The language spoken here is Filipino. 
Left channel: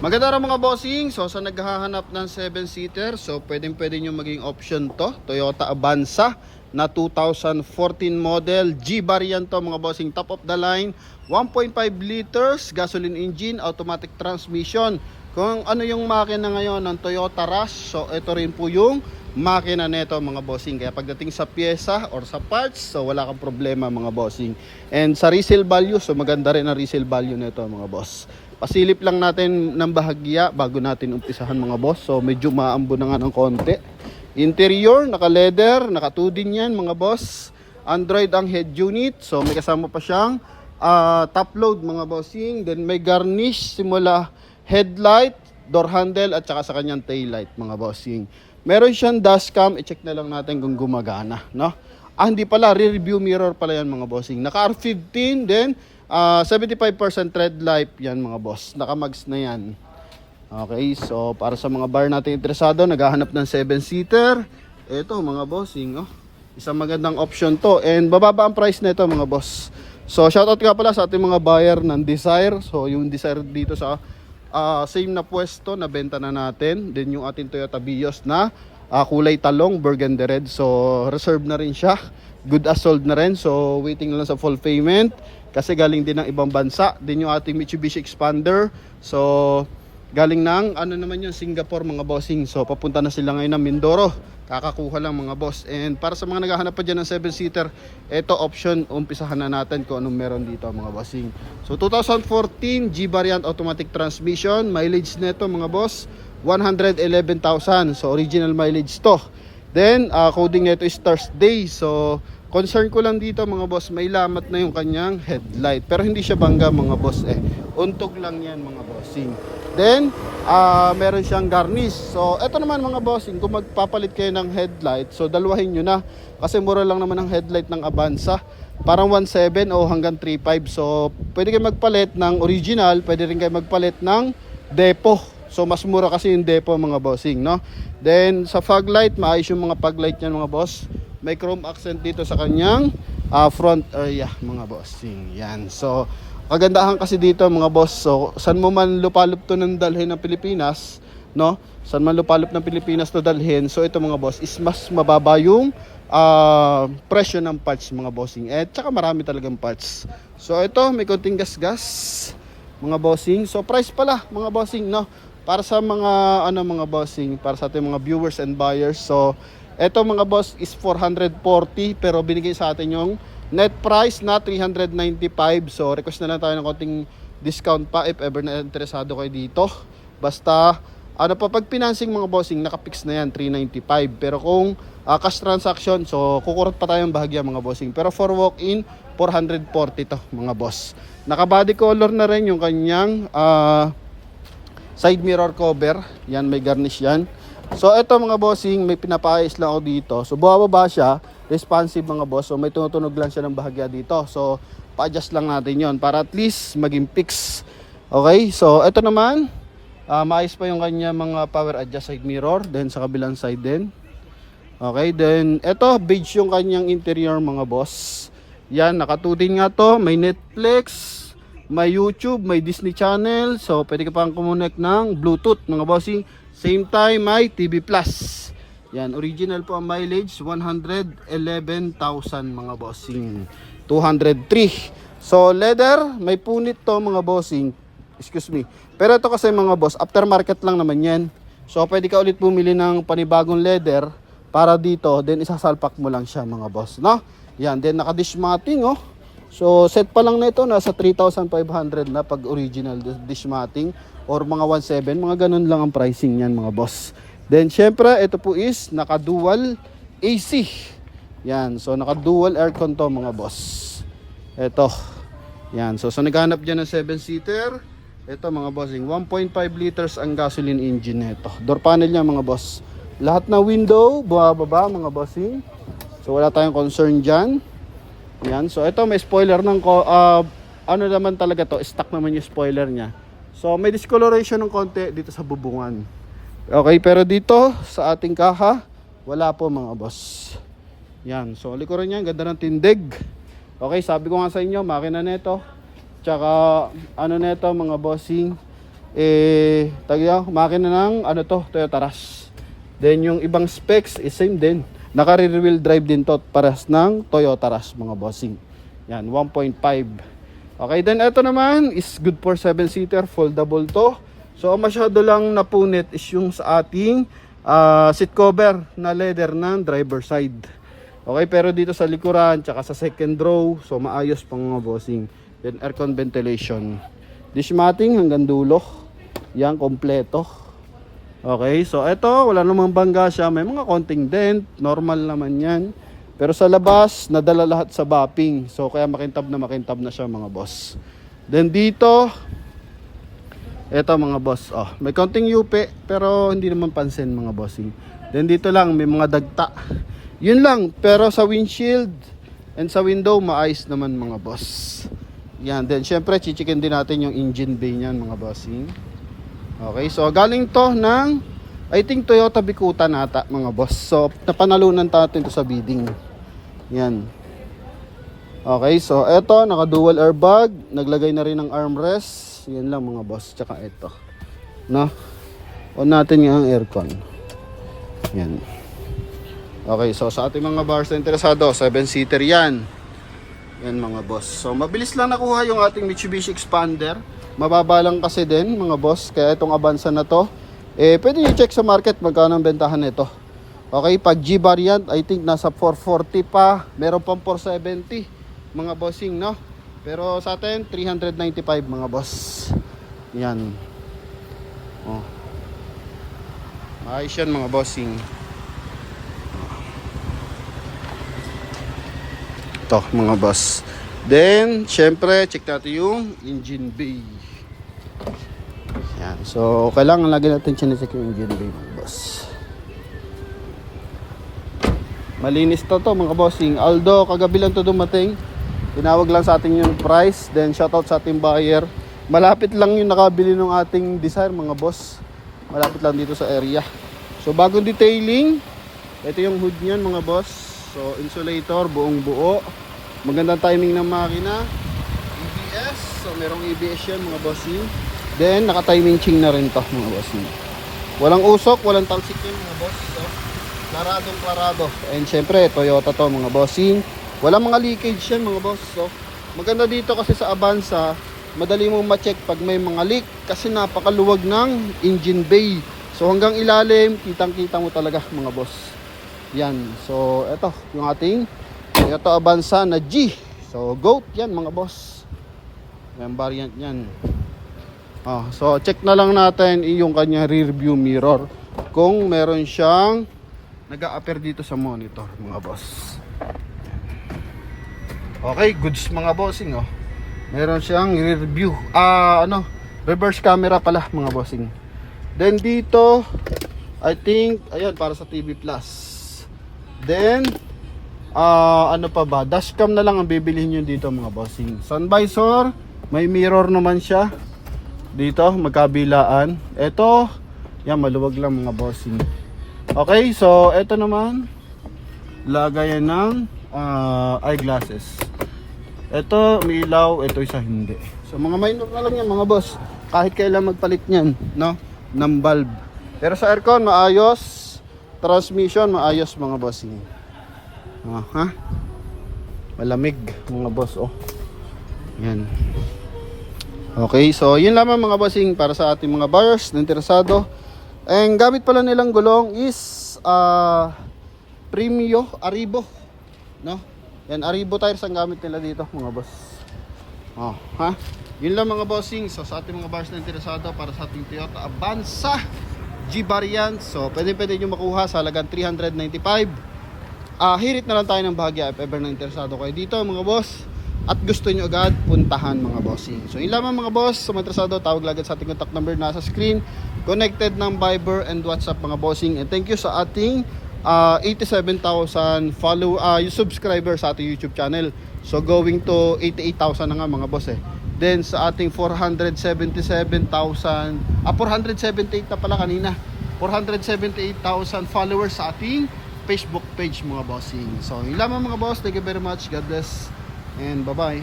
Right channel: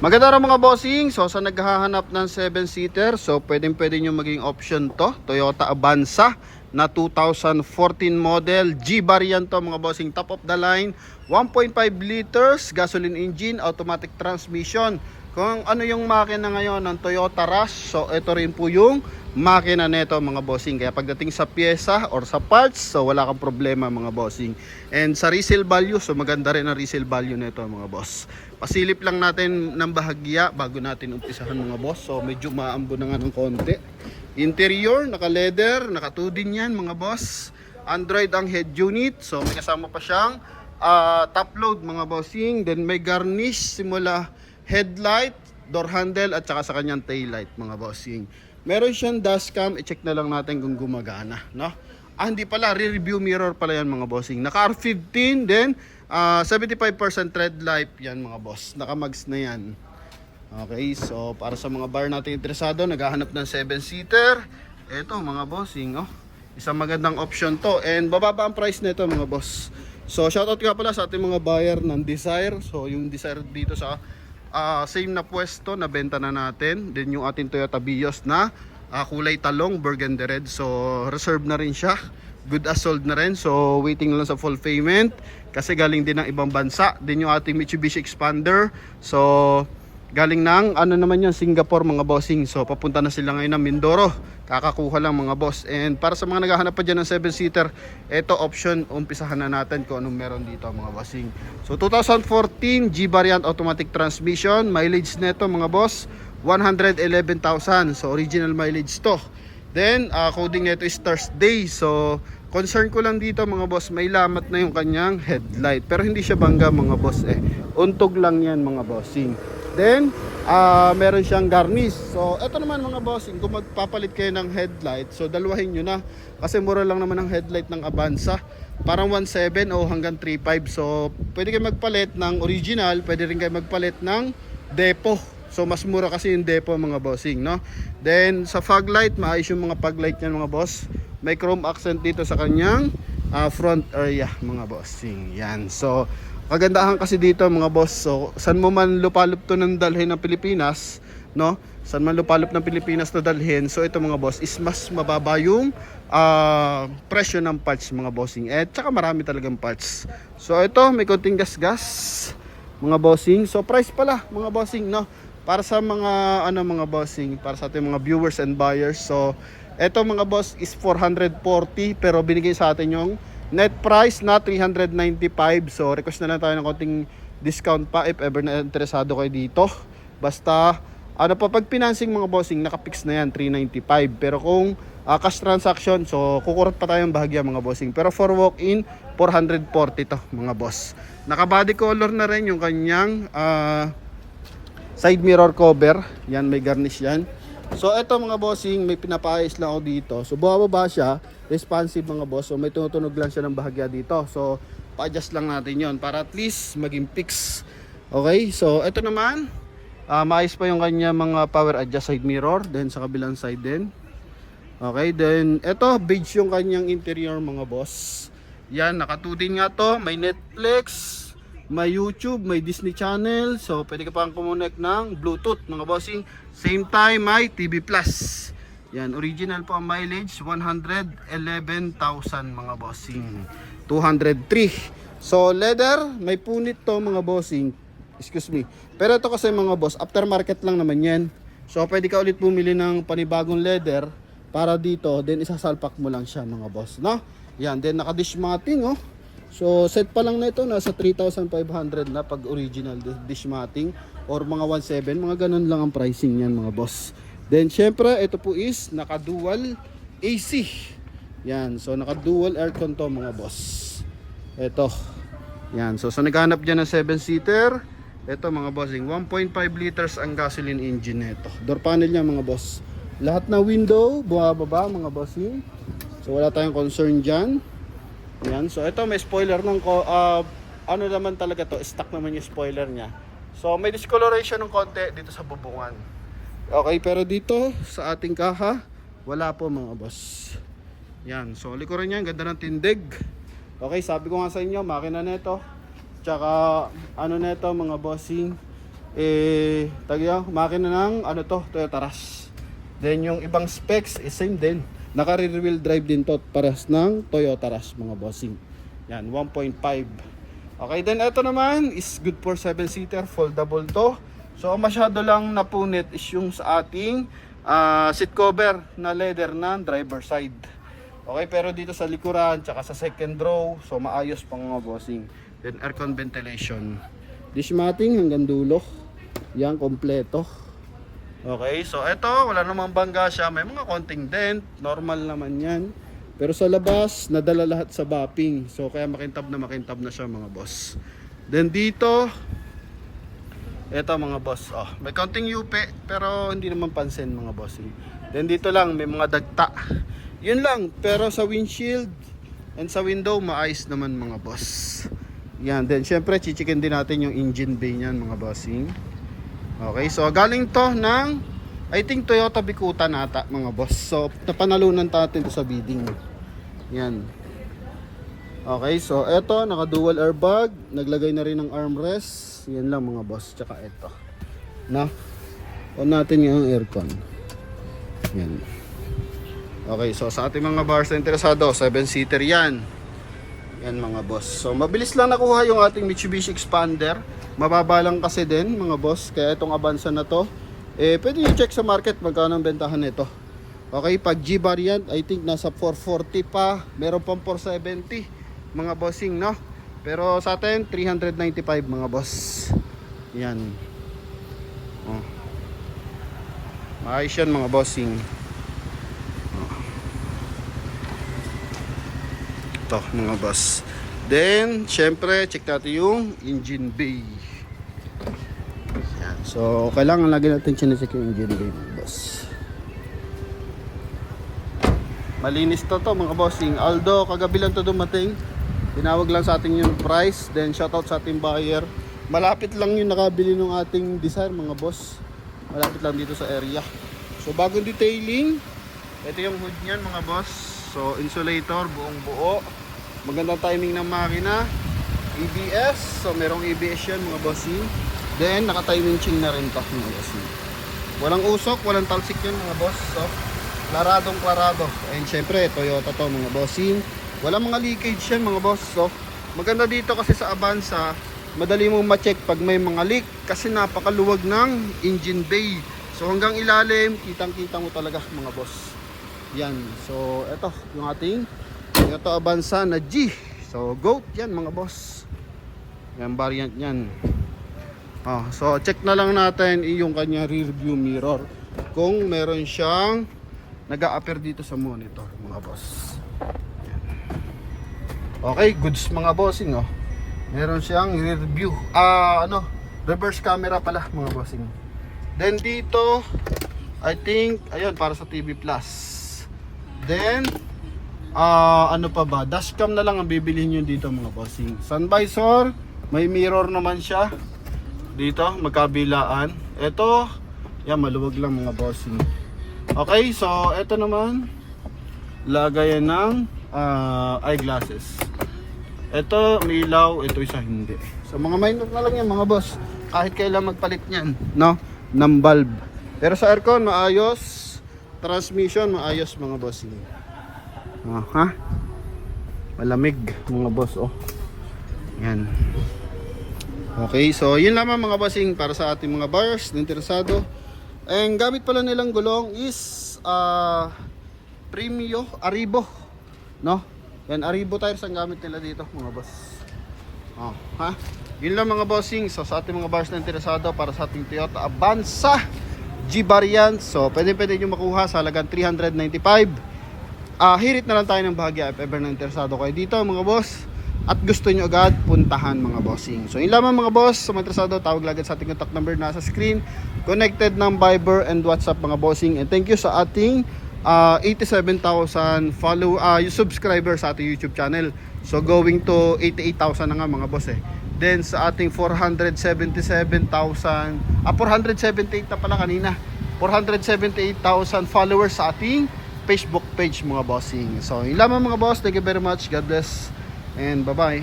Maganda rin mga bossing. So sa naghahanap ng 7-seater, so pwedeng nyo maging option to, Toyota Avanza na 2014 model, G variant to mga bossing, top of the line, 1.5 liters gasoline engine, automatic transmission. Kung ano yung makina ngayon ng Toyota Rush, so ito rin po yung makina nito mga bossing. Kaya pagdating sa pyesa or sa parts, so wala kang problema mga bossing. And sa resale value, so maganda rin ang resale value nito mga boss. Pasilip lang natin ng bahagya bago natin umpisahan mga boss. So medyo maambo na nga ng konti. Interior, naka-leather, naka-2 din yan mga boss. Android ang head unit. So may kasama pa siyang top load mga bossing. Then may garnish simula headlight, door handle at saka sa kanyang tail light mga bossing. Meron siyang dashcam. I-check na lang natin kung gumagana, no? Hindi pala, re-review mirror pala yan mga bossing. Naka R15 then 75% red light yan mga boss. Naka-mags na yan. Okay, so para sa mga bar natin interesado, naghahanap ng 7-seater, ito mga bossing, oh. Isang magandang option to. And bababa ang price nito mga boss. So shoutout nga pala sa ating mga buyer ng Desire. So yung Desire dito sa same na pwesto na benta na natin. Then yung ating Toyota Vios na kulay talong, burgundy red. So reserve na rin siya. Good as sold na rin. So waiting lang sa full payment. Kasi galing din ng ibang bansa. Din yung ating Mitsubishi Expander. So galing ng ano naman yun, Singapore mga bossing. So papunta na sila ngayon ng Mindoro. Kakakuha lang mga boss. And para sa mga naghahanap pa dyan ng 7-seater, ito option, umpisahan na natin kung anong meron dito mga bossing. So 2014 G variant automatic transmission. Mileage neto mga boss 111,000. So original mileage to. Then coding nito is Thursday. So concern ko lang dito mga boss, may lamat na yung kanyang headlight. Pero hindi siya bangga mga boss eh. Untog lang yan mga bossing. Then, meron siyang garnish. So, eto naman mga bossing, kung magpapalit kayo ng headlight, so dalawahin nyo na. Kasi mura lang naman ang headlight ng Avanza. Parang 1.7 o hanggang 3.5. So, pwede kayo magpalit ng original, pwede rin kayo magpalit ng depo. So, mas mura kasi yung depo mga bossing, no? Then, sa fog light, maayos yung mga fog light niyan mga boss. May chrome accent dito sa kanyang front area mga bossing. Yan. So, kagandahan kasi dito mga boss. So, saan mo man lupalop to ng dalhin ng Pilipinas, no? Saan man lupalop ng Pilipinas to dalhin. So, ito mga boss is mas mababa yung presyo ng parts mga bossing. At saka marami talagang parts. So, ito may konting gas-gas mga bossing. So, price pala mga bossing, no? Para sa mga mga bossing, para sa ating mga viewers and buyers. So, eto mga boss is 440 pero binigay sa atin yung net price na 395. So request na lang tayo ng konting discount pa if ever na interesado kayo dito. Basta pag financing mga bossing, nakapix na yan 395. Pero kung cash transaction, so kukurot pa tayong bahagya mga bossing. Pero for walk-in 440 to mga boss. Naka body color na rin yung kanyang side mirror cover. Yan, may garnish yan. So ito mga bossing, may pinapaayos lang ako dito. So bumababa siya, responsive mga boss. So may tumutunog lang siya ng bahagya dito. So pa-adjust lang natin yon para at least maging fix. Okay, so ito naman, maayos pa yung kanya mga power adjust side mirror. Then sa kabilang side din. Okay, then ito, beige yung kanyang interior mga boss. Yan, nakatudin nga to. May Netflix, may YouTube, may Disney Channel. So pwede ka pang kumonek ng Bluetooth mga bossing. Same time may TV Plus. Yan, original po ang mileage 111,000 mga bossing. 203. So leather, may punit to mga bossing. Excuse me. Pero ito kasi mga boss, aftermarket lang naman yan. So pwede ka ulit bumili ng panibagong leather para dito, then isasalpak mo lang siya mga boss, no? Yan, then naka-dish matting, oh. So set pa lang na ito, nasa 3,500 na pag original dish matting or mga 1.7, mga ganun lang ang pricing niyan mga boss. Then syempre ito po is naka dual AC. Yan, so naka dual aircon to mga boss. Ito. Yan, so sa naghanap diyan ng 7-seater, ito mga bossing, 1.5 liters ang gasoline engine nito. Door panel niya mga boss. Lahat na window bumababa mga bossing. So wala tayong concern diyan. Yan, so ito may spoiler ng ano naman talaga to, stock naman yung spoiler niya. So may discoloration ng konti dito sa bubungan. Okay, pero dito sa ating kaha, wala po mga boss. Yan, so likuran niya, ganda ng tindig. Okay, sabi ko nga sa inyo, makina nito. Tsaka ano nito mga bossing, tagya, makina ng ano to, Toyota Rush. Then yung ibang specs is same din. Naka rear wheel drive din to, paras ng Toyota Rush mga bossing. Yan, 1.5. Okay, then ito naman is good for 7-seater, foldable to. So masyado lang napunit is yung sa ating seat cover na leather ng driver side. Okay, pero dito sa likuran tsaka sa second row, so maayos pang mga bossing. Then aircon ventilation. Dish matting hanggang dulo. Yan, kompleto. Okay, so ito, wala namang bangga siya. May mga konting dent, normal naman yan. Pero sa labas, nadala lahat sa bapping. So kaya makintab na siya mga boss. Then dito, ito mga boss, may konting yupi, pero hindi naman pansin mga bossing. Then dito lang, may mga dagta. Yun lang, pero sa windshield and sa window, maayos naman mga boss. Yan, then syempre, chichikin din natin yung engine bay niyan mga bossing. Okay, so galing to ng, I think Toyota Bikuta nata mga boss. So, napanalunan natin to sa bidding. Yan. Okay, so eto, naka dual airbag, naglagay na rin ng armrest. Yan lang mga boss, tsaka ito. No? On natin yung aircon. Yan. Okay, so sa ating mga buyers na interesado, 7-seater yan. Yan mga boss. So mabilis lang nakuha yung ating Mitsubishi Expander. Mababa lang kasi din mga boss. Kaya itong Avanza na to, pwede nyo check sa market magkano ang bentahan nito. Okay, pag G variant, I think nasa 440 pa. Meron pang 470 mga bossing, no? Pero sa atin, 395 mga boss. Yan. Ayos yan mga bossing. Ito mga boss. Then, syempre, check natin yung engine bay. Yan. So, kailangan lagi natin chinecheck yung engine bay mga boss. Malinis to mga bossing. Although, kagabi lang to dumating. Tinawag lang sa atin yung price. Then, shoutout sa ating buyer. Malapit lang yung nakabili ng ating Desire mga boss. Malapit lang dito sa area. So, bagong detailing. Ito yung hood niyan mga boss. So, insulator, buong buo. Magandang timing ng makina. EBS. So, merong EBS yan mga bossing. Then, naka-timing ching na rin to mga bossing. Walang usok, walang talsik yan mga boss. So, klaradong klarado. And syempre, Toyota to mga bossing. Walang mga leakage yan mga boss. So, maganda dito kasi sa Avanza, madali mong ma-check pag may mga leak. Kasi napakaluwag ng engine bay. So, hanggang ilalim, kitang-kita mo talaga mga boss. Yan. So, eto, yung ating Toyota Avanza na G. So, GOAT yan mga boss. Yan, variant yan. So, check na lang natin yung kanya rear view mirror. Kung meron siyang nag-a-appear dito sa monitor mga boss. Okay, goods mga bossing. Meron siyang rear view. Reverse camera pala mga bossing. Then dito, I think, ayan, para sa TV Plus. Then, ano pa ba? Dashcam na lang ang bibilihin nyo dito mga bossing. Sun visor, may mirror naman siya. Dito, magkabilaan. Ito, yan, maluwag lang mga bossing. Okay, so, ito naman, lagayan ng eyeglasses. Ito, may ilaw, ito isa hindi. So, mga minor na lang yan mga boss. Kahit kailan magpalit niyan, no? Ng bulb. Pero sa aircon, maayos. Transmission, maayos mga bossing. Malamig mga boss, yan. Okay, so yun lamang mga bossing para sa ating mga buyers na interesado. And gamit pala nilang gulong is Premio Arribo, no? Yan, Arribo tires ang gamit nila dito mga boss. Yun lang mga bossing. So sa ating mga buyers na interesado para sa ating Toyota Avanza G variant, so pwede nyo makuha sa halagang 395. Hirit na lang tayo ng bahagya if ever na interesado kayo dito mga boss at gusto nyo agad puntahan mga bossing. So yun lamang mga boss. So interesado, tawag lang sa ating contact number nasa screen, connected ng Viber and WhatsApp mga bossing. And thank you sa ating 87,000 subscriber sa ating YouTube channel. So going to 88,000 na nga mga boss Then sa ating 478,000 478 na pala kanina, 478,000 followers sa ating Facebook page mga bossing. So yun lamang mga boss. Thank you very much. God bless and bye bye.